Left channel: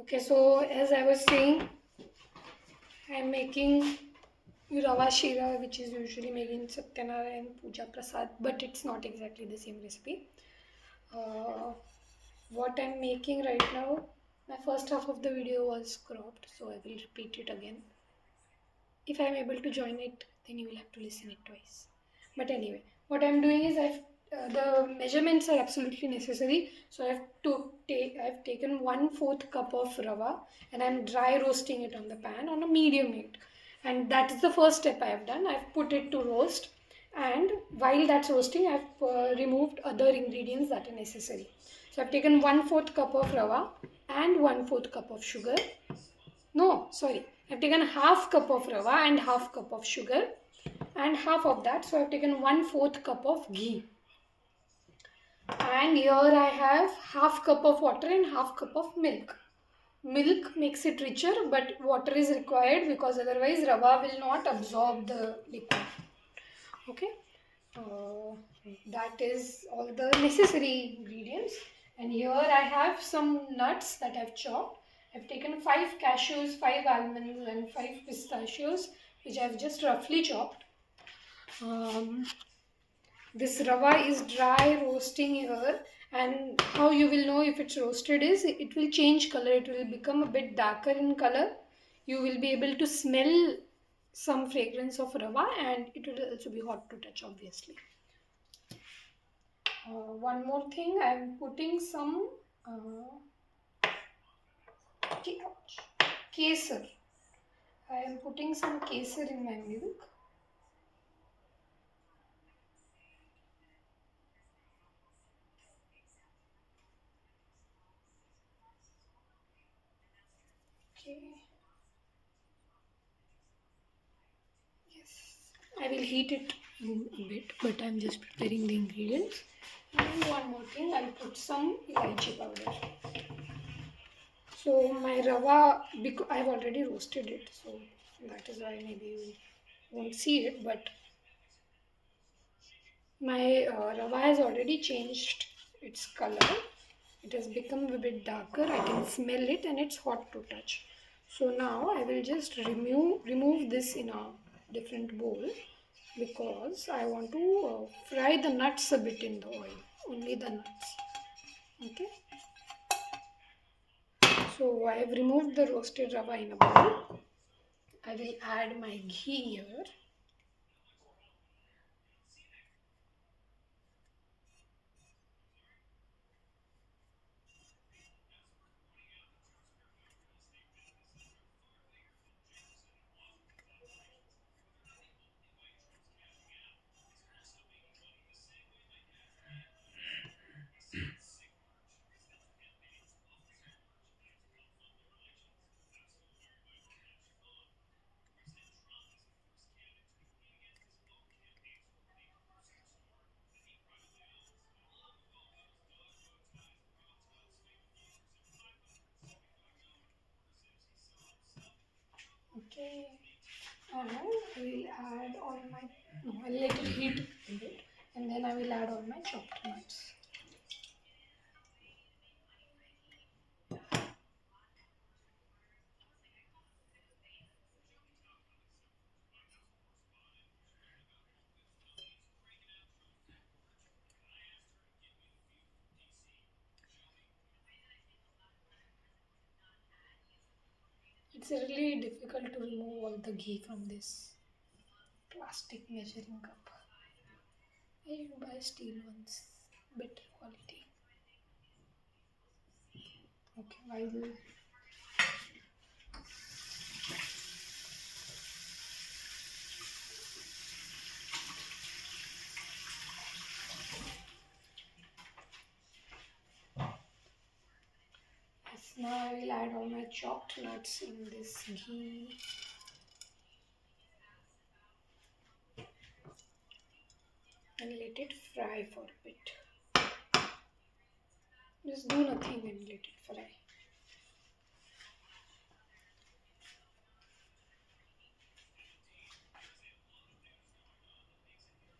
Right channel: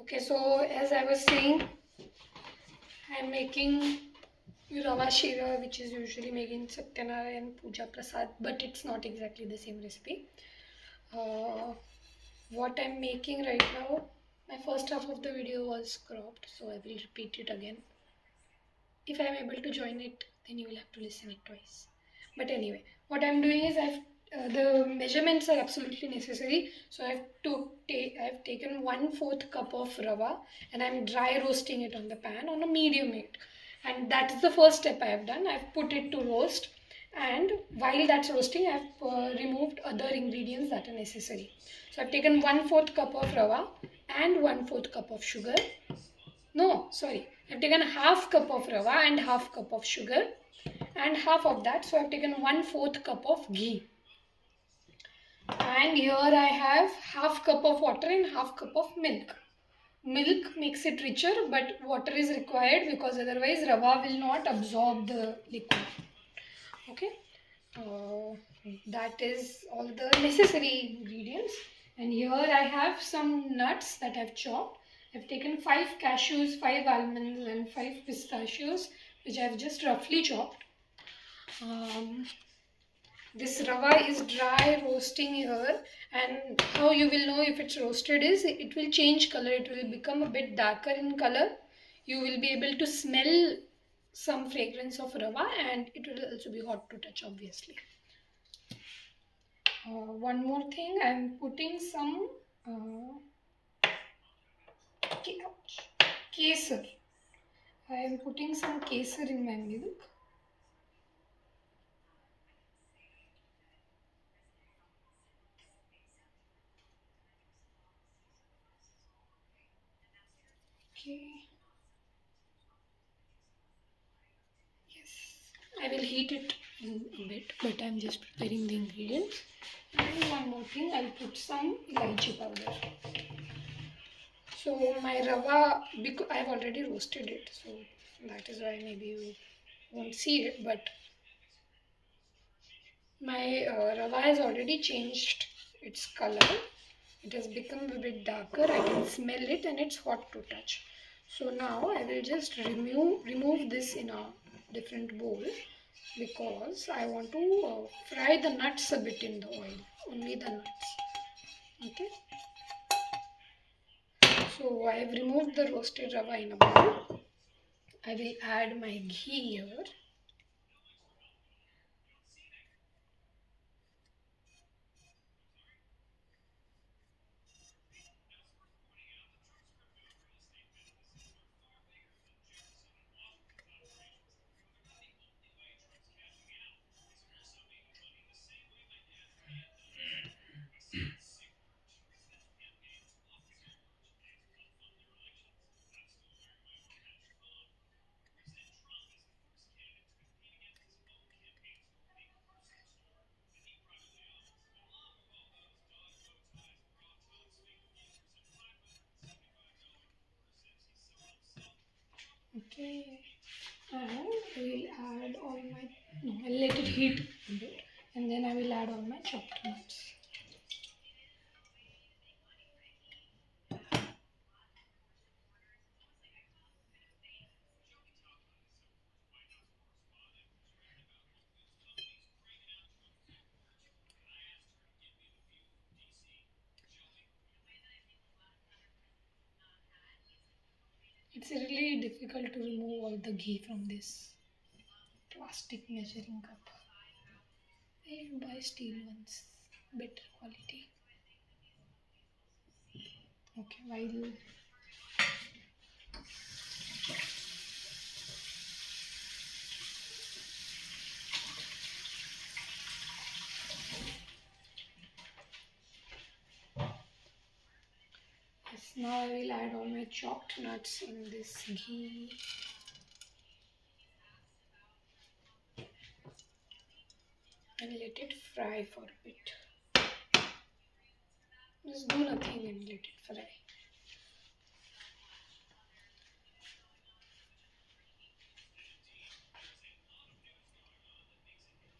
Okay, so as I was saying, I'm making Rava Shira, which is usually made in Satyanarayana and Puja Prasad, but it's not exactly the same recipe. Uh, what I'm making right now, my first half of the video was cropped, so I will repeat it again. If I'm able to join it, then you will have to listen it twice. But anyway, what I'm doing is the measurements are absolutely necessary. So I've taken 1/4 cup of rava and I'm dry roasting it on the pan on a medium heat. And that is the first step I have done. I've put it to roast, and while that's roasting, I've removed other ingredients that are necessary. So I've taken 1/4 cup of rava and 1/4 cup of sugar. No, sorry. I've taken half cup of rava and half cup of sugar, and half of that. So I've taken 1/4 cup of ghee. And here I have half cup of water and half cup of milk. Milk makes it richer, but water is required because otherwise rava will not absorb the liquid. Okay. Uh, that is all the necessary ingredients. And here I have some nuts that I've chopped. I've taken 5 cashews, 5 almonds and 5 pistachios, which I've just roughly chopped. This rava is dry roasting here, and how you will know if it's roasted is it will change color. It will become a bit darker in color. You will be able to smell some fragrance of rava, and it will also be hot to touch, obviously. One more thing, I'm putting some kesar. I am putting some kesar in my milk. Okay. Yes. I will heat it a bit, but I'm just preparing the ingredients. And one more thing, I'll put some elaichi powder. So my rava, because I've already roasted it, so that is why maybe you won't see it, but my rava has already changed its color. It has become a bit darker. I can smell it and it's hot to touch. So now I will just remove this in a different bowl because I want to fry the nuts a bit in the oil. Only the nuts. Okay. So I have removed the roasted rava in a bowl. I will add my ghee here. Okay. And I will add all my, no, I'll let it heat a bit and then I will add all my chopped nuts. It's really difficult to remove all the ghee from this plastic measuring cup. I should buy steel ones, better quality. Okay, while yes, now I will add all my chopped nuts in this ghee. And let it fry for a bit. Just do nothing and let it fry.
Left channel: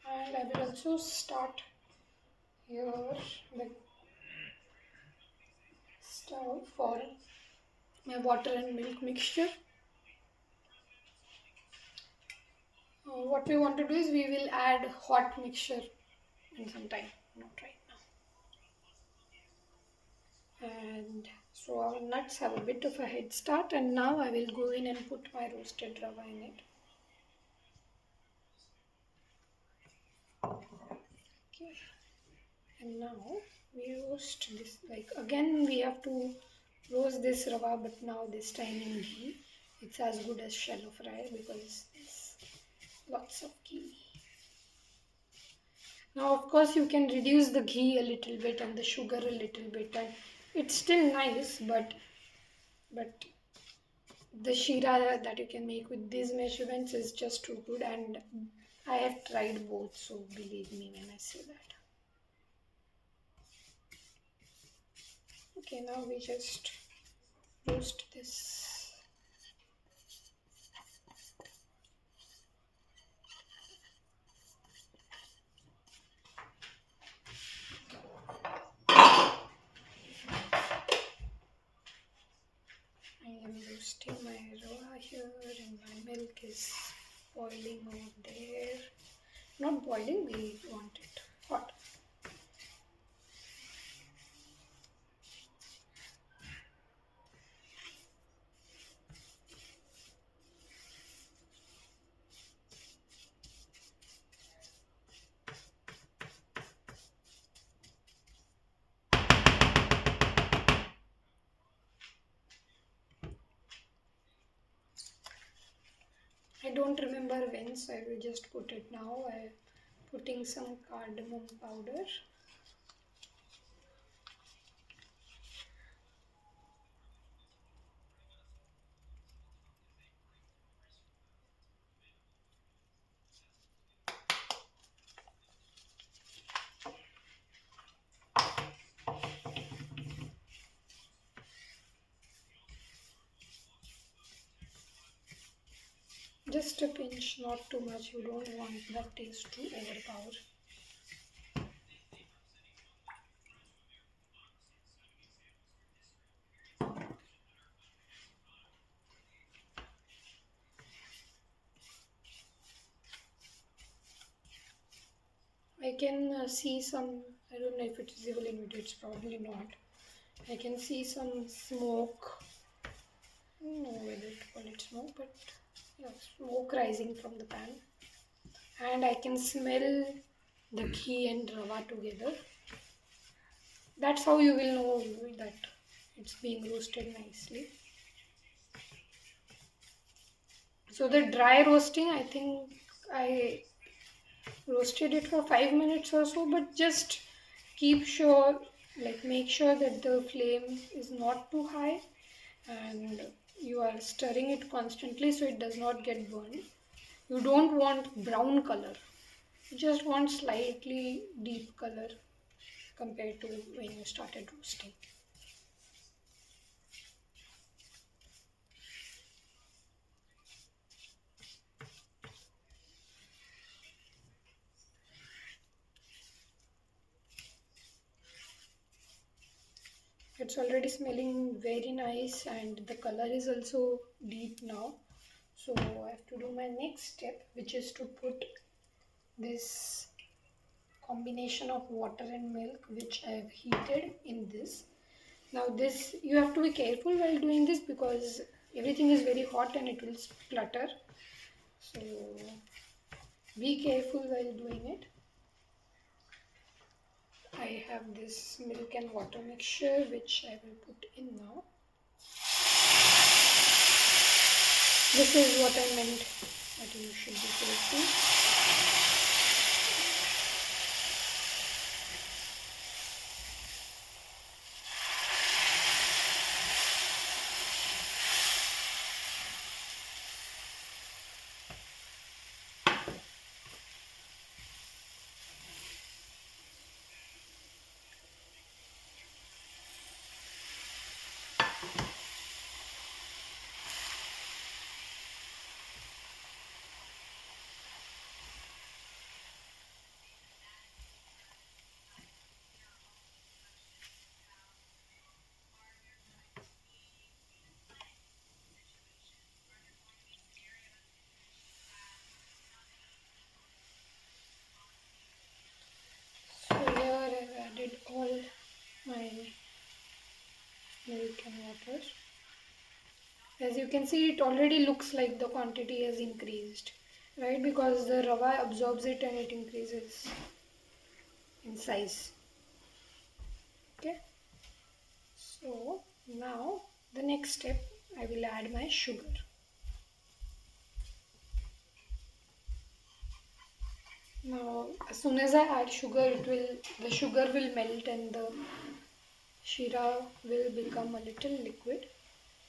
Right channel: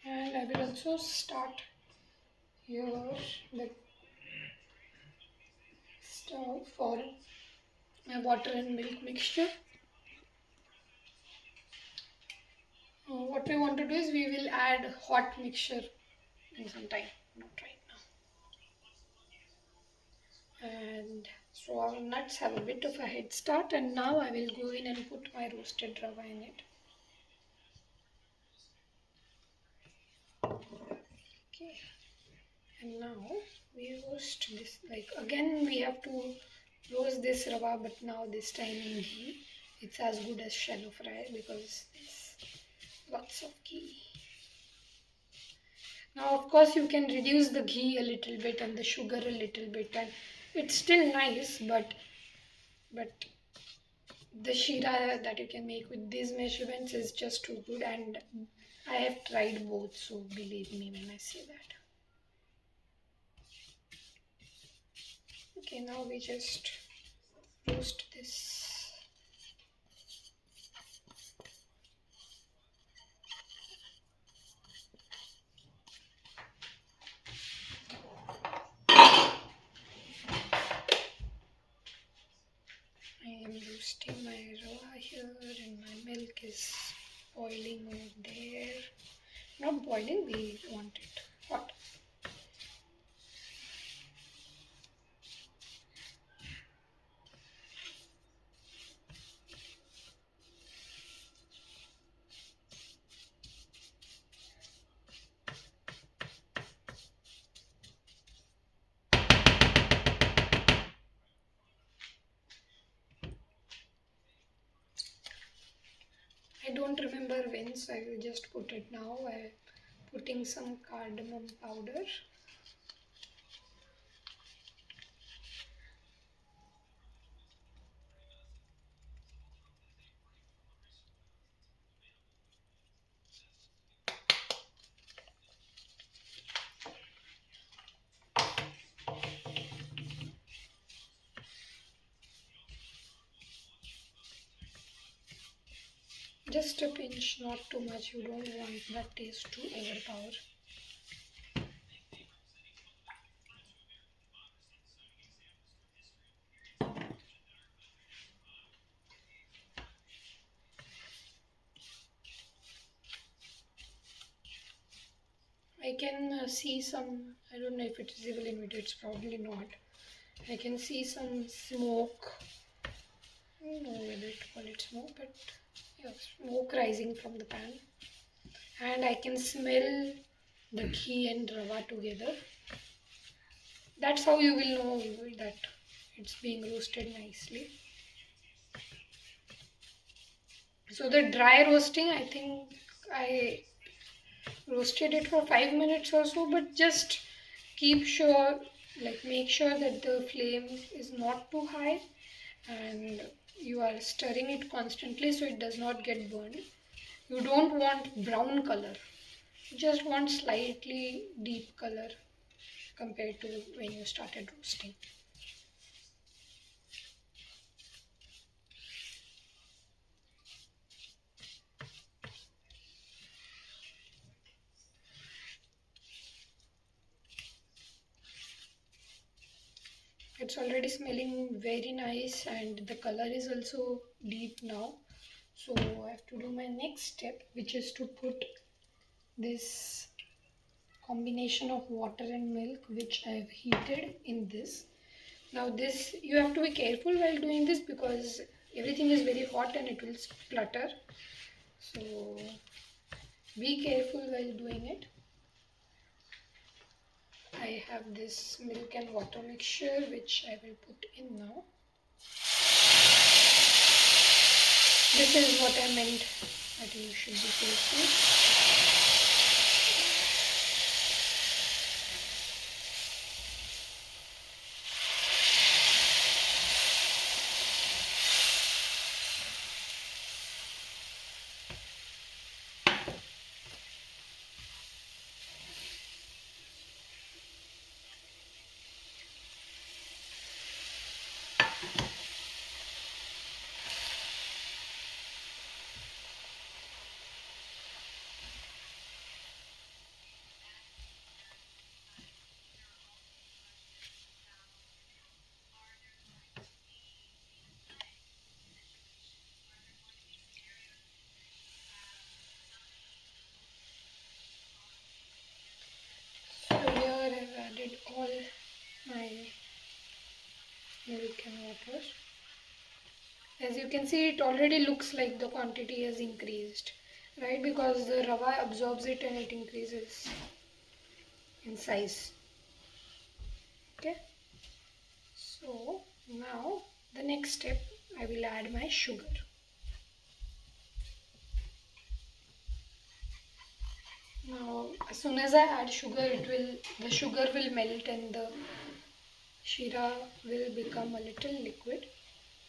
And I will also start here the stove for my water and milk mixture. What we want to do is we will add hot mixture in some time, not right now. And so our nuts have a bit of a head start, and now I will go in and put my roasted rava in it. Okay, and now we roast this, like again we have to roast this rava, but now this time in ghee. It's as good as shallow fry because there's lots of ghee. Now of course you can reduce the ghee a little bit and the sugar a little bit, and it's still nice, but the shira that you can make with these measurements is just too good, and I have tried both, so believe me when I say that. Okay, now we just roast this. I am roasting my rava here, and my milk is boiling over there. Not boiling, we want it hot. I don't remember when, so I will just put it now. I'm putting some cardamom powder. Just a pinch, not too much. You don't want that taste to overpower. I can see some, I don't know if it is visible in video, it's probably not. I can see some smoke. I don't know whether to call it smoke, but yeah, smoke rising from the pan. And I can smell the ghee and rava together. That's how you will know that it's being roasted nicely. So the dry roasting, I think I roasted it for 5 minutes or so, but just keep sure, like make sure that the flame is not too high and you are stirring it constantly so it does not get burned. You don't want brown color, you just want slightly deep color compared to when you started roasting. It's already smelling very nice and the color is also deep now. So I have to do my next step, which is to put this combination of water and milk which I have heated in this. Now this, you have to be careful while doing this because everything is very hot and it will splutter. So be careful while doing it. I have this milk and water mixture which I will put in now. This is what I meant that you should be careful. milk and water. As you can see, it already looks like the quantity has increased, right? Because the rava absorbs it and it increases in size. Okay. So now the next step, I will add my sugar. Now, as soon as I add sugar, the sugar will melt and the shira will become a little liquid,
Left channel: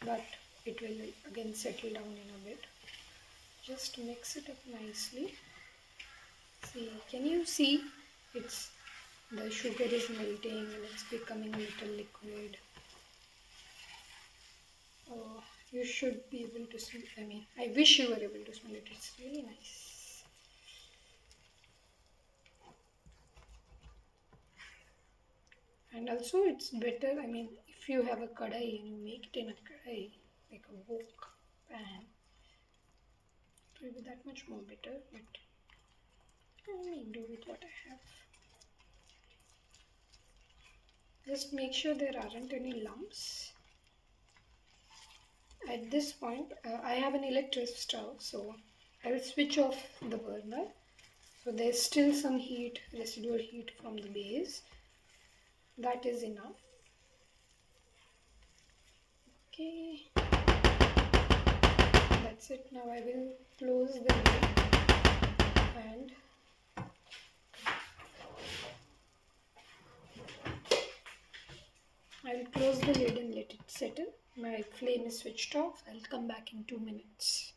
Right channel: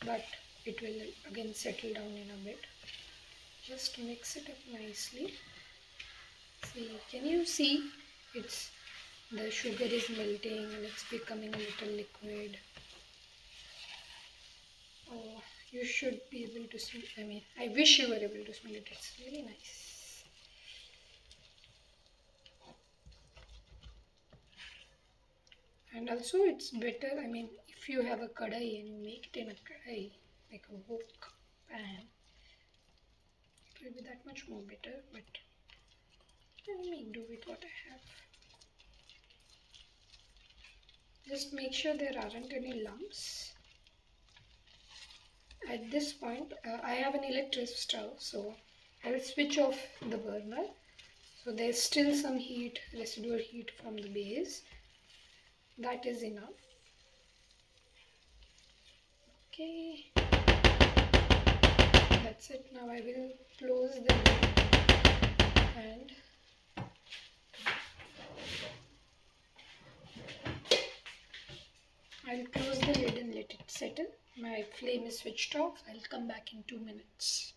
but it will again settle down in a bit. Just mix it up nicely. See, can you see? It's the sugar is melting and it's becoming a little liquid. Oh, you should be able to smell. I mean, I wish you were able to smell it. It's really nice. And also, it's better. I mean, if you have a kadai and you make it in a kadai, like a wok pan, it will be that much more better. But let me do with what I have. Just make sure there aren't any lumps. At this point, I have an electric stove, so I will switch off the burner. So there's still some heat, residual heat from the base. That is enough. Okay, that's it. Now I will close the lid and I'll close the lid and let it settle. My flame is switched off. I'll come back in 2 minutes.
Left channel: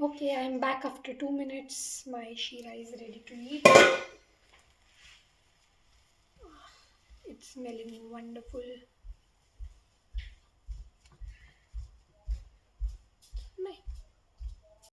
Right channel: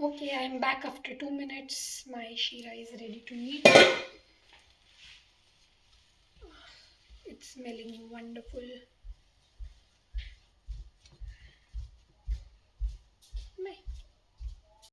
Okay, I'm back after 2 minutes. My shira is ready to eat. It's smelling wonderful.